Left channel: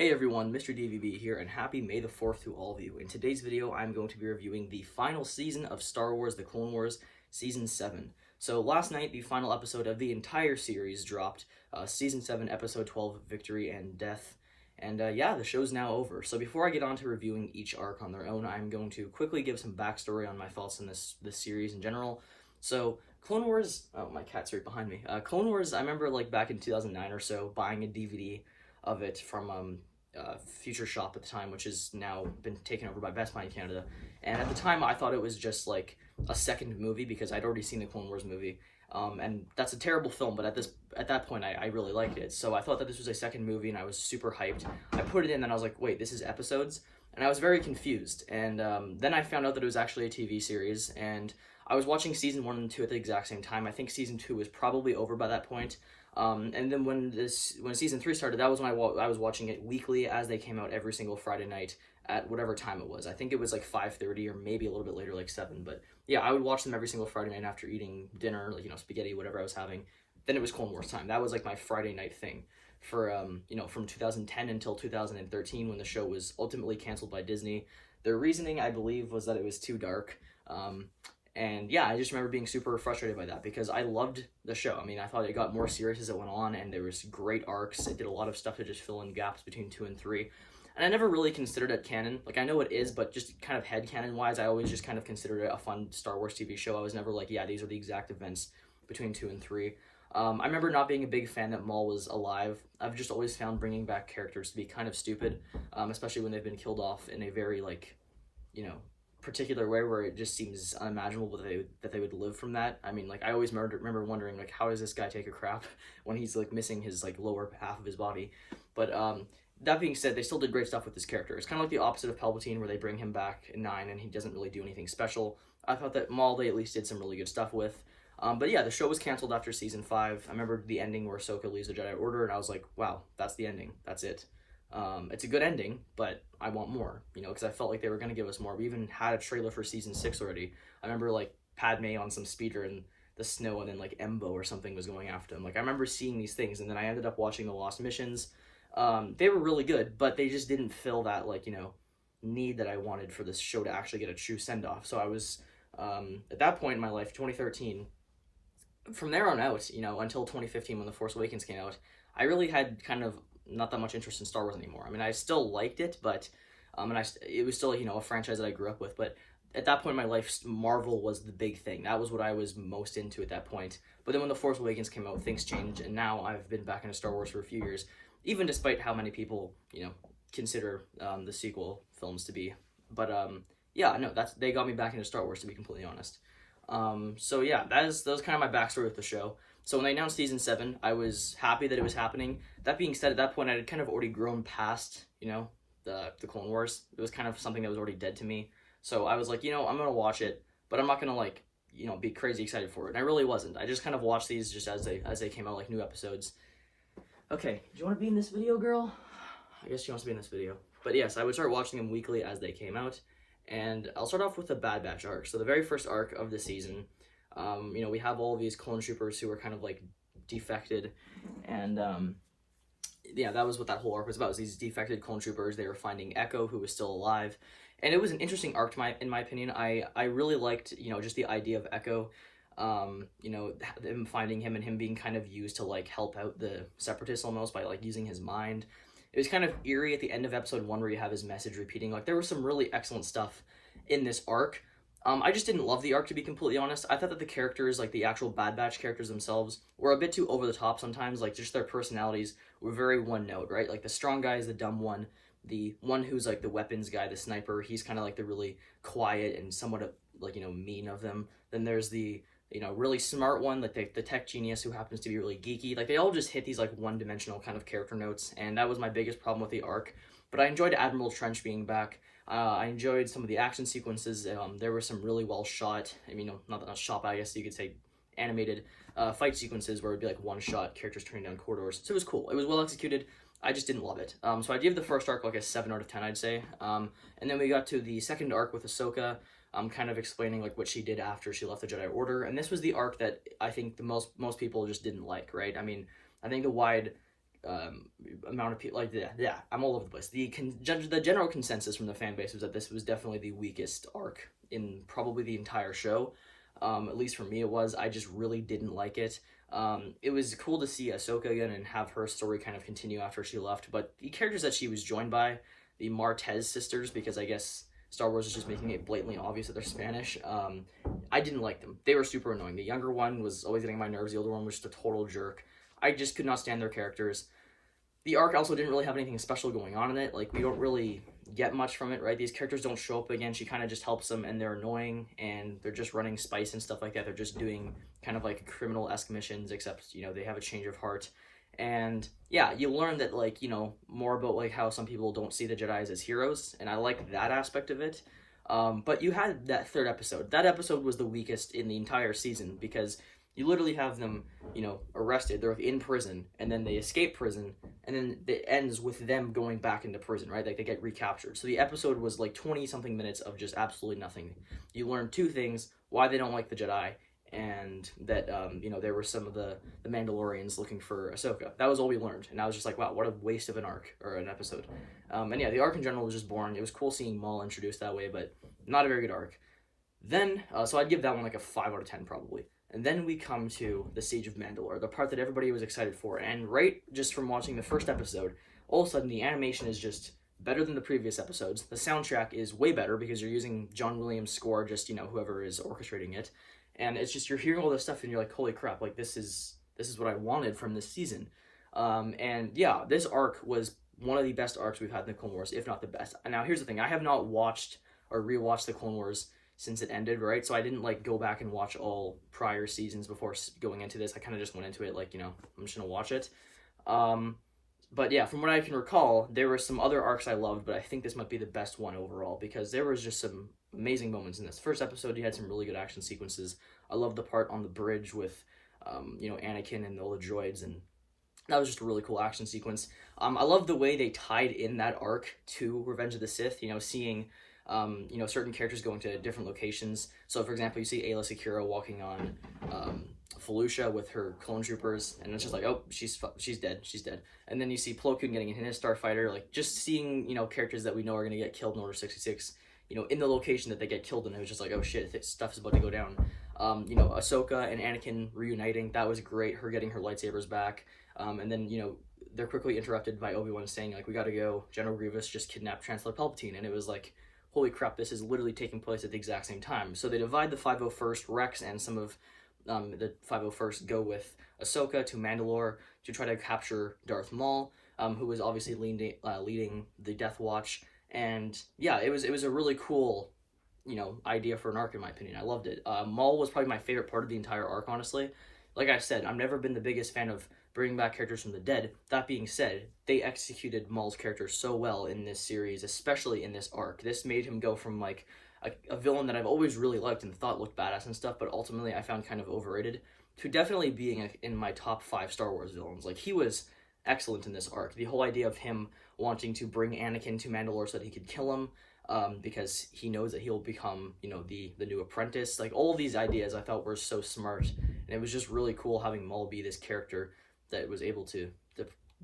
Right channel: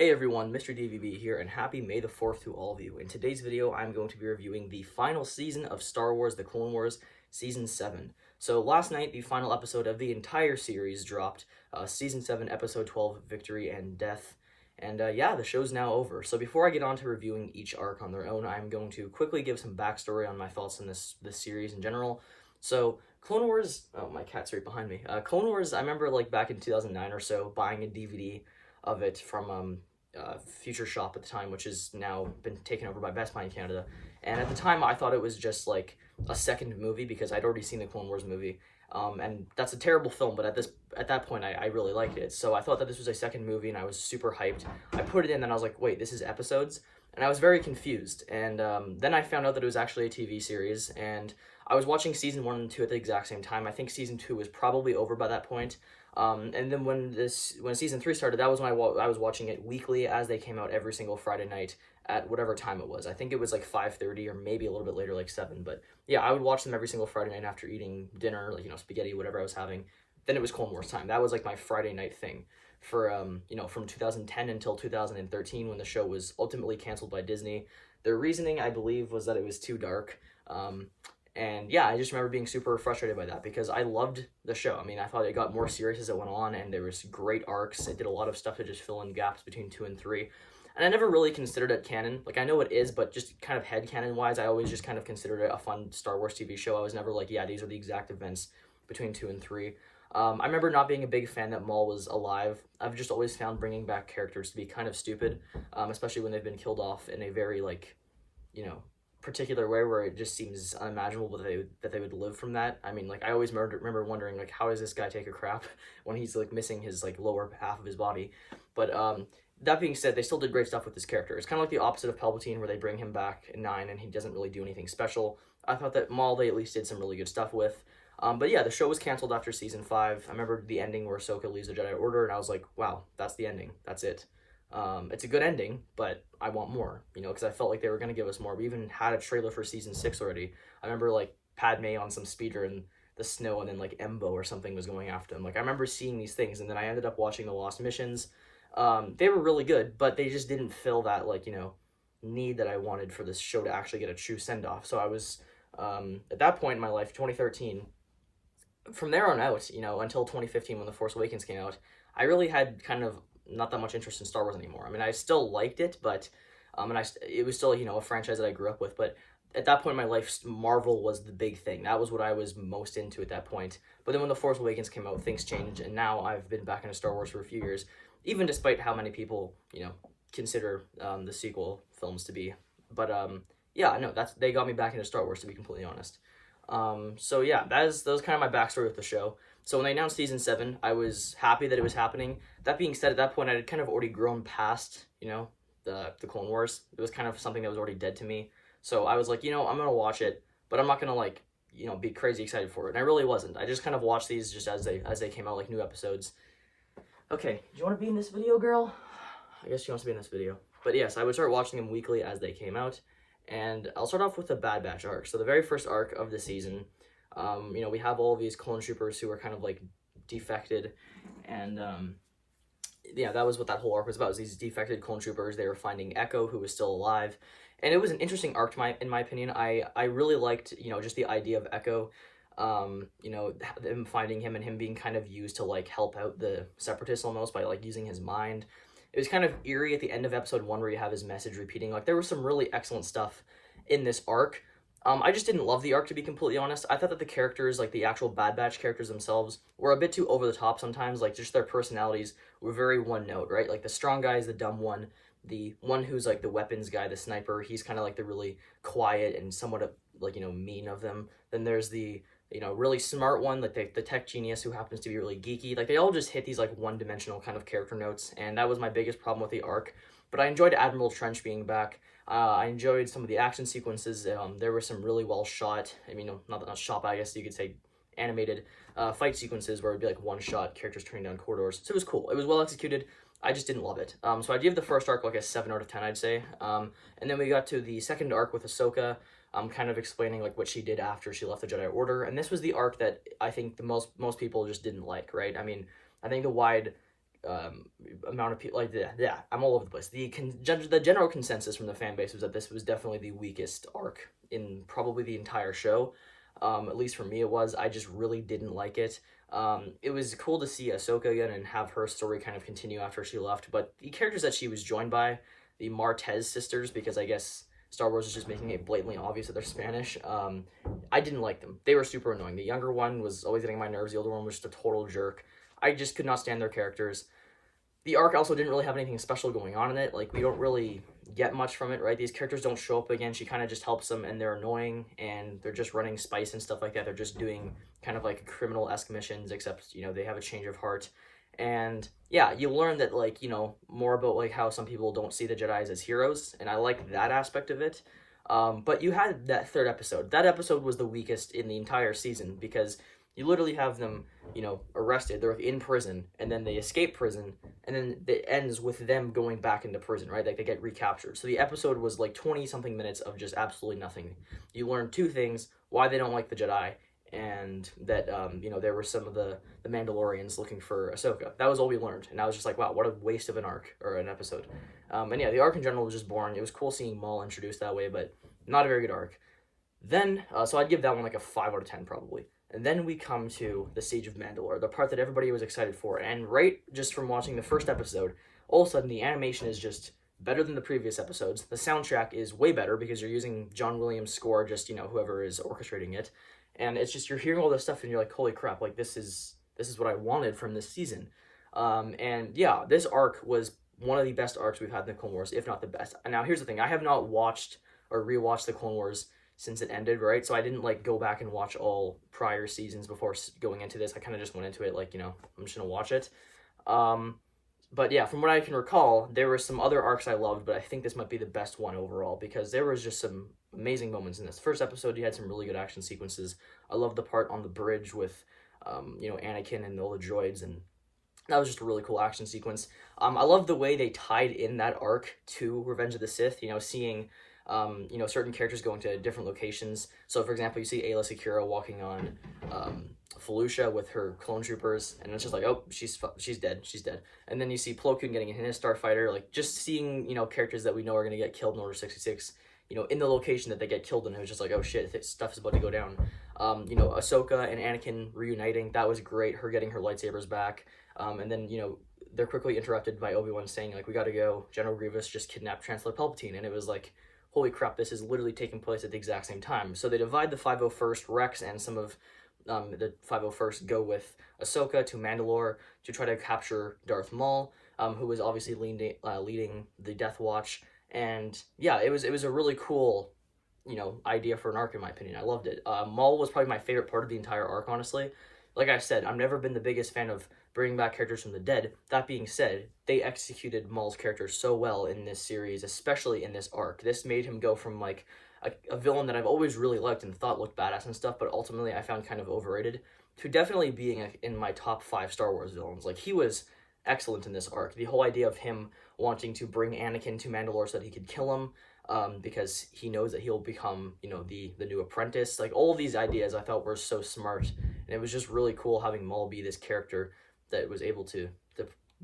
Hey everyone, Mr. DVB here, and happy May the 4th to all of you. In today's video, I'm going to be reviewing the final season of Star Wars The Clone Wars, Season 7. So last night, the final episode of the entire series dropped, Season 7, Episode 12, Victory and Death. And yeah, the show's now over. So before I get on to reviewing each arc on their own, I'm going to quickly give some backstory on my thoughts on this series in general. So, Clone Wars, oh, my cat's right behind me. Clone Wars, I remember like back in 2009 or so, buying a DVD of it from Future Shop at the time, which has now been taken over by Best Buy in Canada. And at the time, I thought it was just like a second movie because I'd already seen the Clone Wars movie, and that's a terrible film. But at that point, I really liked it, so I thought that this was a second movie, and I was super hyped. I put it in, and I was like, wait, this is episodes, and I was very confused. And then I found out that it was actually a TV series, and I was watching season 1 and 2 at the exact same time. I think season 2 was probably over by that point. And then when season 3 started, that was when I was watching it weekly as they came out every single Friday night at whatever time it was. I think it was like 5:30 or maybe a little bit later, like 7. But yeah, I would watch them every single Friday night after eating dinner, like, spaghetti, whatever I was having. Then it was Clone Wars time. That was like my Friday night thing for, from 2010 until 2013 when the show was ultimately canceled by Disney. Their reasoning, I believe, was that it was too dark. And yeah, I just remember being super frustrated by that because I loved the show. I mean, I thought it got more serious as it went on, and there was great arcs. It did a lot of stuff to just fill in gaps between 2 and 3. And I never really considered it canon. Like, I know it is, but just kind of headcanon-wise, I always just kind of considered it a fun Star Wars TV show. I was never like, yeah, these are the exact events between 2 and 3. I remember not being a big fan that Maul was alive. I've just always found bringing back characters to be kind of stupid, especially when they've been killed off in a very, like, particular way where it just seems unimaginable that they would live from that. I mean, like, I always remember wondering, like, how does this guy take a crap when he's like missing his like lower half of his body? But that being said, they still did great stuff with this character. It's kind of like the opposite of Palpatine, where they bring him back in 9 and he doesn't really do anything special. I thought that Maul they at least did some really good stuff with. But yeah, the show was canceled after season 5. I remember the ending where Ahsoka leaves the Jedi Order, and I was like, wow, that's the ending. That's it. It's a good ending, but I want more, because I felt like they were going to give us more. We even had a trailer for season 6 already. I remember, like, Padme on some speeder in the snow, and then, like, Embo or something was going after him. Like, I remember seeing these things, and then I ended up watching the Lost Missions. They were really good, but they just didn't fill that, like, need that I wanted for this show to actually get a true send-off. So I was, at that point in my life, 2013, from there on out, until 2015 when The Force Awakens came out, I really had kind of not that much interest in Star Wars anymore. I mean, I still liked it, but it was still, a franchise that I grew up with, but at that point in my life, Marvel was the big thing. That was what I was most into at that point. But then when The Force Awakens came out, things changed, and now I've been back into Star Wars for a few years, even despite how many people, consider the sequel films to be. But yeah, no, they got me back into Star Wars, to be completely honest. So yeah, that was kind of my backstory with the show. So when they announced season 7, I was happy that it was happening. That being said, at that point, I had kind of already grown past, the Clone Wars. It was kind of something that was already dead to me. So I was like, I'm gonna watch it, but I'm not gonna like, be crazy excited for it. And I really wasn't. I just kind of watched these just as they came out, like new episodes. Okay, do you want to be in this video, girl? I guess she wants to be in this video. But yes, I would start watching them weekly as they came out. And I'll start off with the Bad Batch arc. So the very first arc of the season, we have all these clone troopers who are kind of like defected, and yeah, that was what that whole arc was about. Was these defected clone troopers. They were finding Echo, who was still alive, and it was an interesting arc in my opinion. I really liked just the idea of Echo, them finding him and him being kind of used to like help out the Separatists almost by like using his mind. It was kind of eerie at the end of episode 1 where you have his message repeating. Like, there was some really excellent stuff in this arc. I just didn't love the arc, to be completely honest. I thought that the characters, like the actual Bad Batch characters themselves, were a bit too over the top sometimes. Like, just their personalities were very one note, right? Like, the strong guy is the dumb one. The one who's like the weapons guy, the sniper, he's kind of like the really quiet and somewhat like, mean of them. Then there's the really smart one, like the tech genius who happens to be really geeky. Like, they all just hit these like one-dimensional kind of character notes, and that was my biggest problem with the arc. But I enjoyed Admiral Trench being back. I enjoyed some of the action sequences. There were some really well shot, not shot, but I guess you could say animated fight sequences where it'd be like one shot, characters turning down corridors. So it was cool. It was well executed. I just didn't love it. So I'd give the first arc like a 7 out of 10, I'd say. And then we got to the second arc with Ahsoka, kind of explaining like what she did after she left the Jedi Order. And this was the arc that I think the most people just didn't like, right? I mean, I think the wide amount of people, like, yeah, I'm all over the place. The general consensus from the fan base was that this was definitely the weakest arc in probably the entire show. At least for me it was. I just really didn't like it. It was cool to see Ahsoka again and have her story kind of continue after she left, but the characters that she was joined by, the Martez sisters, because I guess Star Wars is just making it blatantly obvious that they're Spanish, I didn't like them. They were super annoying. The younger one was always getting on my nerves, the older one was just a total jerk. I just could not stand their characters. The arc also didn't really have anything special going on in it. Like, we don't really get much from it, right? These characters don't show up again. She kind of just helps them, and they're annoying, and they're just running spice and stuff like that. They're just doing kind of like criminal-esque missions, except, you know, they have a change of heart. And yeah, you learn that, like, you know, more about like how some people don't see the Jedis as heroes, and I like that aspect of it. But you had that third episode. That episode was the weakest in the entire season, because you literally have them, you know, arrested. They're in prison, and then they escape prison, and then it ends with them going back into prison, right? Like, they get recaptured. So the episode was like 20-something minutes of just absolutely nothing. You learn two things: why they don't like the Jedi, and that, you know, there were some of the Mandalorians looking for Ahsoka. That was all we learned, and I was just like, wow, what a waste of an arc, or an episode. And yeah, the arc in general was just boring. It was cool seeing Maul introduced that way, but not a very good arc. Then, so I'd give that one like a 5 out of 10 probably. And then we come to the Siege of Mandalore, the part that everybody was excited for. And right just from watching the first episode, all of a sudden the animation is just better than the previous episodes. The soundtrack is way better because you're using John Williams' score, just, you know, whoever is orchestrating it. And it's just, you're hearing all this stuff and you're like, holy crap, like, this is what I wanted from this season. And yeah, this arc was one of the best arcs we've had in the Clone Wars, if not the best. And now here's the thing: I have not watched or rewatched the Clone Wars since it ended, right? So I didn't like go back and watch all prior seasons before going into this. I kind of just went into it like, you know, I'm just gonna watch it. But yeah, from what I can recall, there were some other arcs I loved, but I think this might be the best one overall, because there was just some amazing moments in this. First episode, you had some really good action sequences. I loved the part on the bridge with, you know, Anakin and all the droids, and that was just a really cool action sequence. I love the way they tied in that arc to Revenge of the Sith, you know, seeing you know, certain characters going to different locations. So, for example, you see Aayla Secura walking on Felucia with her clone troopers, and it's just like, oh, she's dead, she's dead. And then you see Plo Koon getting in his starfighter, like, just seeing, you know, characters that we know are going to get killed in Order 66, you know, in the location that they get killed in. It was just like, oh shit, stuff's about to go down. You know, Ahsoka and Anakin reuniting, that was great, her getting her lightsabers back. And then, you know, they're quickly interrupted by Obi-Wan saying, like, we gotta go, General Grievous just kidnapped Chancellor Palpatine, and it was like, holy crap, this is literally taking place at the exact same time. So they divide the 501st, Rex and some of the 501st go with Ahsoka to Mandalore to try to capture Darth Maul, who was obviously leading the Death Watch. And yeah, it was a really cool, you know, idea for an arc, in my opinion. I loved it. Maul was probably my favorite part of the entire arc, honestly. Like I said, I've never been the biggest fan of bringing back characters from the dead. That being said, they executed Maul's character so well in this series, especially in this arc. This made him go from, like, a villain that I've always really liked and thought looked badass and stuff, but ultimately I found kind of overrated, to definitely being in my top 5 Star Wars villains. Like, he was excellent in this arc. The whole idea of him wanting to bring Anakin to Mandalore so that he could kill him, because he knows that he'll become, you know, the new apprentice. Like, all of these ideas I thought were so smart, and it was just really cool having Maul be this character that was able to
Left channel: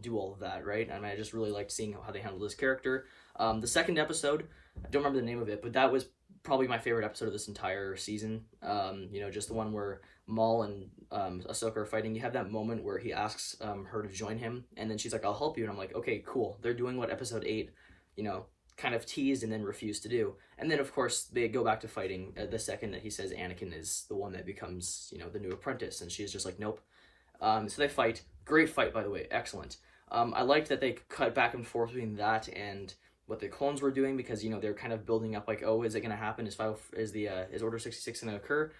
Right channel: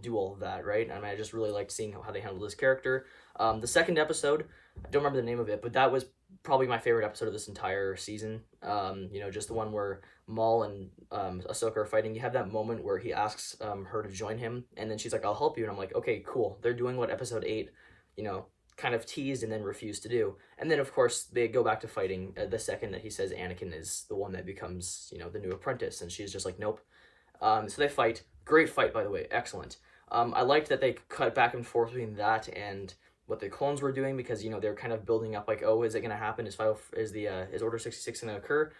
do all of that, right? I mean, I just really liked seeing how they handled this character. The second episode, I don't remember the name of it, but that was probably my favorite episode of this entire season. You know, just the one where Maul and Ahsoka are fighting. You have that moment where he asks her to join him, and then she's like, I'll help you, and I'm like, okay, cool. They're doing what episode 8, you know, kind of teased and then refused to do. And then, of course, they go back to fighting the second that he says Anakin is the one that becomes, you know, the new apprentice, and she's just like, nope. So they fight. Great fight, by the way. Excellent. I liked that they cut back and forth between that and what the clones were doing, because, you know, they're kind of building up like, oh, is it going to happen? Is Order 66 going to occur?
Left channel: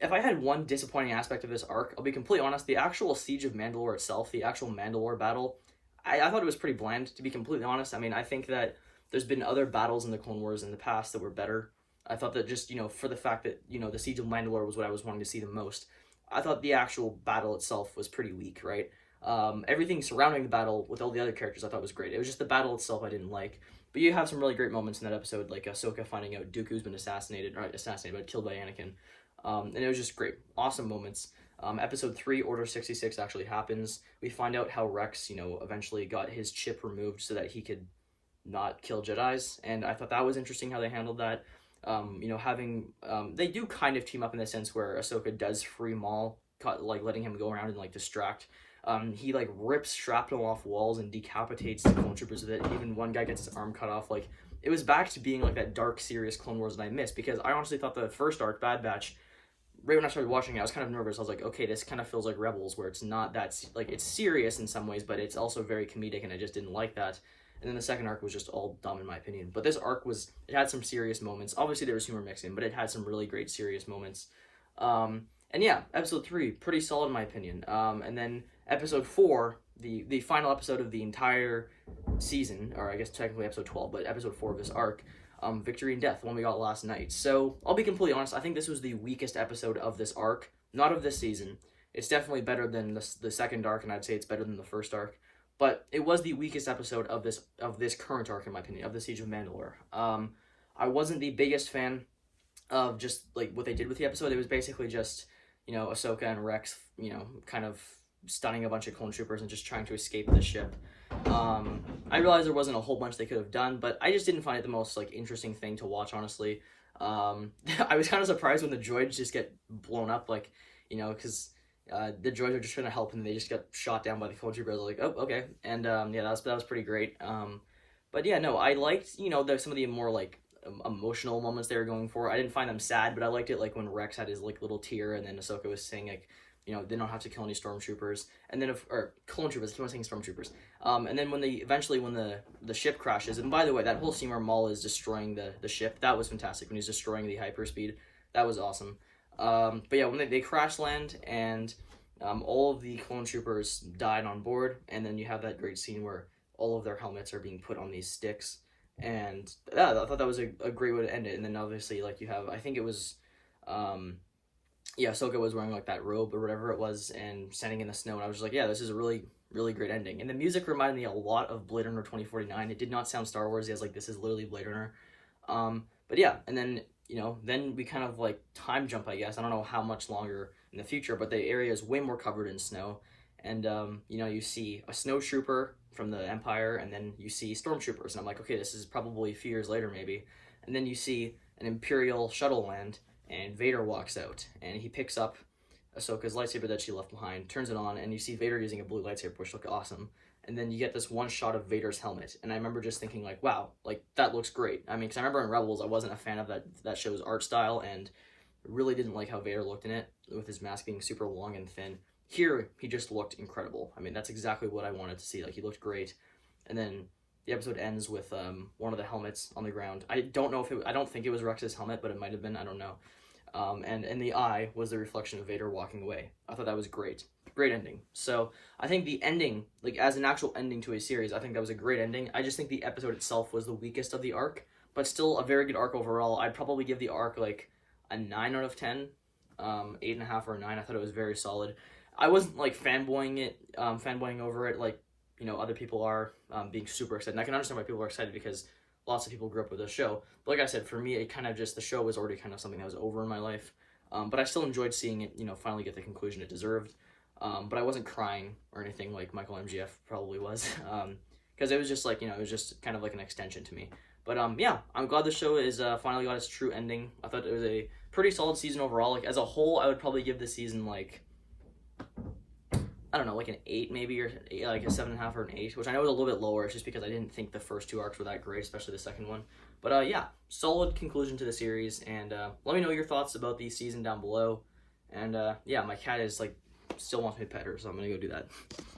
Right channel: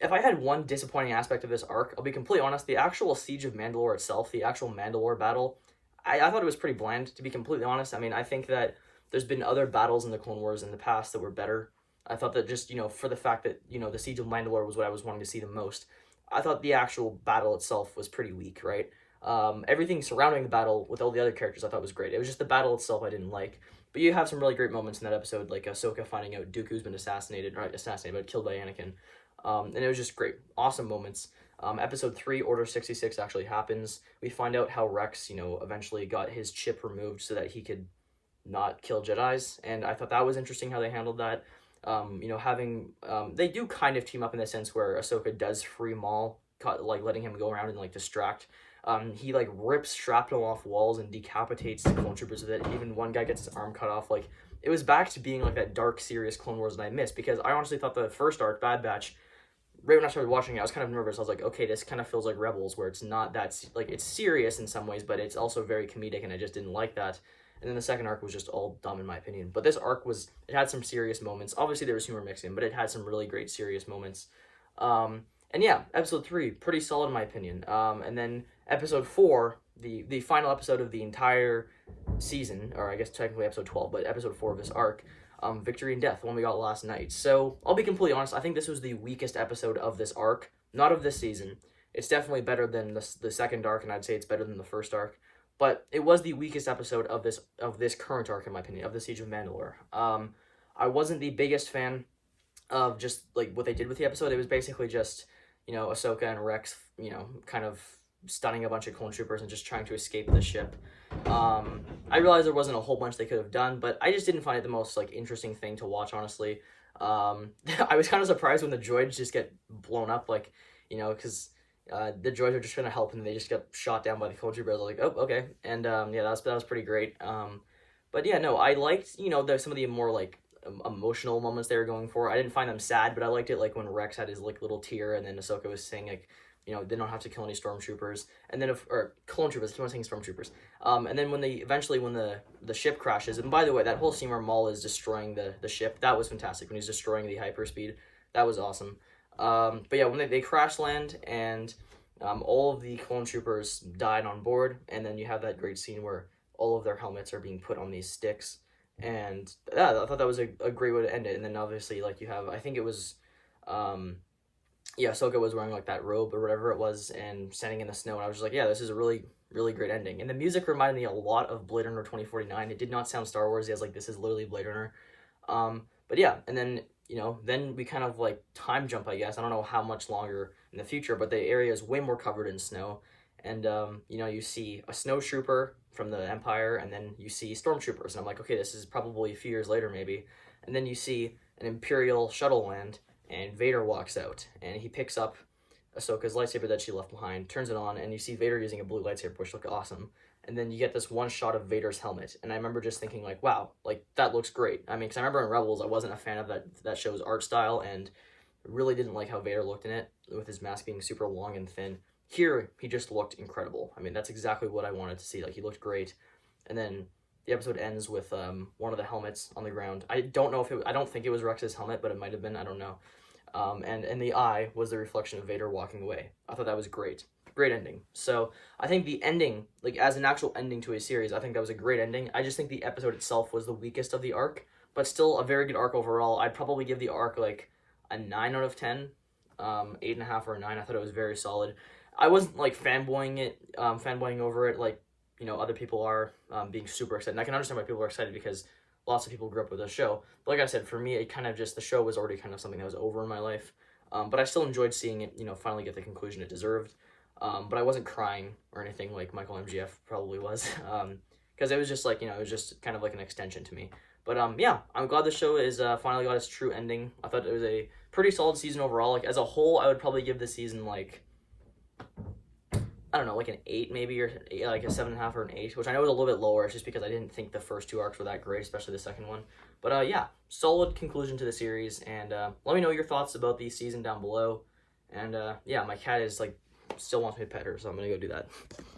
If I had one disappointing aspect of this arc, I'll be completely honest, the actual Siege of Mandalore itself, the actual Mandalore battle, I thought it was pretty bland, to be completely honest. I mean, I think that there's been other battles in the Clone Wars in the past that were better. I thought that just, you know, for the fact that, you know, the Siege of Mandalore was what I was wanting to see the most, I thought the actual battle itself was pretty weak, right? Everything surrounding the battle with all the other characters I thought was great. It was just the battle itself I didn't like. But you have some really great moments in that episode, like Ahsoka finding out Dooku's been assassinated, but killed by Anakin. And it was just great. Awesome moments. Episode 3, Order 66, actually happens. We find out how Rex, eventually got his chip removed so that he could not kill Jedis, and I thought that was interesting how they handled that. They do kind of team up in the sense where Ahsoka does free Maul, letting him go around and distract. He rips shrapnel off walls and decapitates the clone troopers with it. Even one guy gets his arm cut off. It was back to being that dark, serious Clone Wars that I missed, because I honestly thought the first arc, Bad Batch, right when I started watching it, I was kind of nervous. I was like, okay, this kind of feels like Rebels, where it's not that it's serious in some ways, but it's also very comedic, and I just didn't like that. And then the second arc was just all dumb in my opinion. But this arc it had some serious moments. Obviously there was humor mixed in, but it had some really great serious moments. And yeah, episode 3, pretty solid in my opinion. And then episode 4, the final episode of the entire season, or I guess technically episode 12, but episode 4 of this arc, Victory and Death, the one we got last night. So I'll be completely honest, I think this was the weakest episode of this arc, not of this season. It's definitely better than the second arc, and I'd say it's better than the first arc. But it was the weakest episode of this current arc, in my opinion, of the Siege of Mandalore. I wasn't the biggest fan of just what they did with the episode. It was basically just Ahsoka and Rex kind of stunning a bunch of clone troopers and just trying to escape the ship. I realized there wasn't a whole bunch they could have done, but I just didn't find it the most interesting thing to watch, honestly. I was kind of surprised when the droids just get blown up, because the droids are just trying to help and they just get shot down by the clone troopers. I was like, oh, okay. And yeah, that was pretty great. But yeah, no, I liked some of the more emotional moments they were going for. I didn't find them sad, but I liked it when Rex had his little tear, and then Ahsoka was saying they don't have to kill any stormtroopers, and then or clone troopers. I keep on saying stormtroopers. And then when the ship crashes, and by the way, that whole scene where Maul is destroying the ship, that was fantastic. When he's destroying the hyperspeed, that was awesome. But yeah, when they crash land and all of the clone troopers died on board, and then you have that great scene where all of their helmets are being put on these sticks, and yeah, I thought that was a great way to end it. And then obviously you have, I think it was Ahsoka was wearing that robe or whatever it was and standing in the snow, and I was just like, yeah, this is a really, really great ending. And the music reminded me a lot of Blade Runner 2049. It did not sound Star Wars. It was this is literally Blade Runner. But yeah, and then then we kind of time jump, I guess. I don't know how much longer in the future, but the area is way more covered in snow. And, you see a snowtrooper from the Empire, and then you see stormtroopers. And I'm like, okay, this is probably a few years later, maybe. And then you see an Imperial shuttle land, and Vader walks out, and he picks up Ahsoka's lightsaber that she left behind, turns it on, and you see Vader using a blue lightsaber, which looked awesome. And then you get this one shot of Vader's helmet, and I remember just thinking wow, that looks great. I mean, because I remember in Rebels, I wasn't a fan of that show's art style, and really didn't like how Vader looked in it, with his mask being super long and thin. Here, he just looked incredible. I mean, that's exactly what I wanted to see. He looked great. And then the episode ends with one of the helmets on the ground. I don't think it was Rex's helmet, but it might have been, I don't know. And the eye was the reflection of Vader walking away. I thought that was great. Great ending. So I think the ending, as an actual ending to a series, I think that was a great ending. I just think the episode itself was the weakest of the arc, but still a very good arc overall. I'd probably give the arc a 9 out of 10, 8.5 or a 9. I thought it was very solid. I wasn't fanboying over it other people are, being super excited. And I can understand why people are excited, because lots of people grew up with the show. But like I said, for me, it kind of just, the show was already kind of something that was over in my life. But I still enjoyed seeing it, finally get the conclusion it deserved. But I wasn't crying or anything like Michael MGF probably was. Because it was just it was just kind of an extension to me. But yeah, I'm glad the show is finally got its true ending. I thought it was a pretty solid season overall. As a whole, I would probably give this season I don't know, an 8 maybe, or a 7.5 or an 8, which I know is a little bit lower. It's just because I didn't think the first 2 arcs were that great, especially the second one. But yeah, solid conclusion to the series, and let me know your thoughts about the season down below. And yeah, my cat is still wants me to pet her, so I'm gonna go do that.